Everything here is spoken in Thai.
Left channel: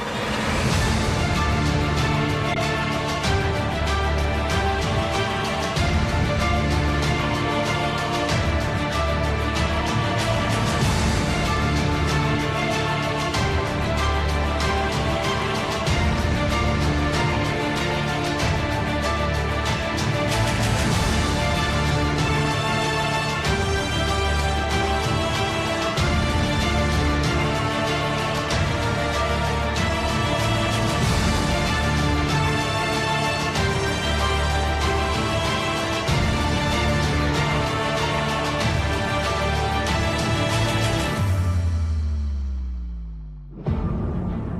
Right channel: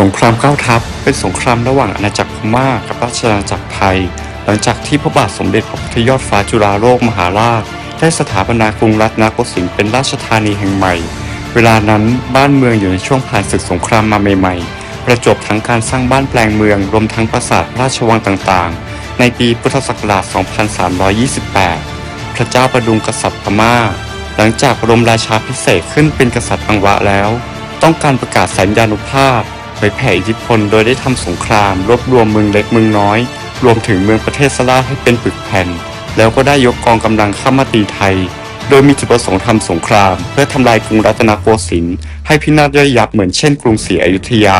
สงครามเก้าทัพเป็นสงครามระหว่างอาณาจักรพม่ากับราชอาณาจักรไทย หลังจากที่พระบาทสมเด็จพระพุทธยอดฟ้าจุฬาโลกมหาราชได้สถาปนากรุงรัตนโกสินทร์เป็นราชธานีแห่งใหม่ เวลานั้นบ้านเมืองอยู่ในช่วงผ่านศึกสงครามมาใหม่ ๆ ประจบทั้งการสร้างบ้านแปลงเมืองรวมทั้งปราสาทราชวังต่างๆ ในปีพุทธศักราช 2328 พระเจ้าประดุงกษัตริย์พม่า หลังจากบรมราชาพิเศษขึ้นเป็นกษัตริย์อังวะแล้ว ต้องการประกาศสัญญานุภาพ เผยแผ่อิทธิพลโดยได้ทำสงคราม รวบรวมเมืองเล็กเมืองน้อย รวมถึงเมืองประเทศสลาให้เป็นปึกแผ่น แล้วก็ได้ยกกองกำลังเข้ามาตีไทย โดยมีจุดประสงค์ทำสงคราม เพื่อทำลายกรุงรัตนโกสินทร์ให้พินาศย่อยยับเหมือนเช่นกรุงศรีอยุธยา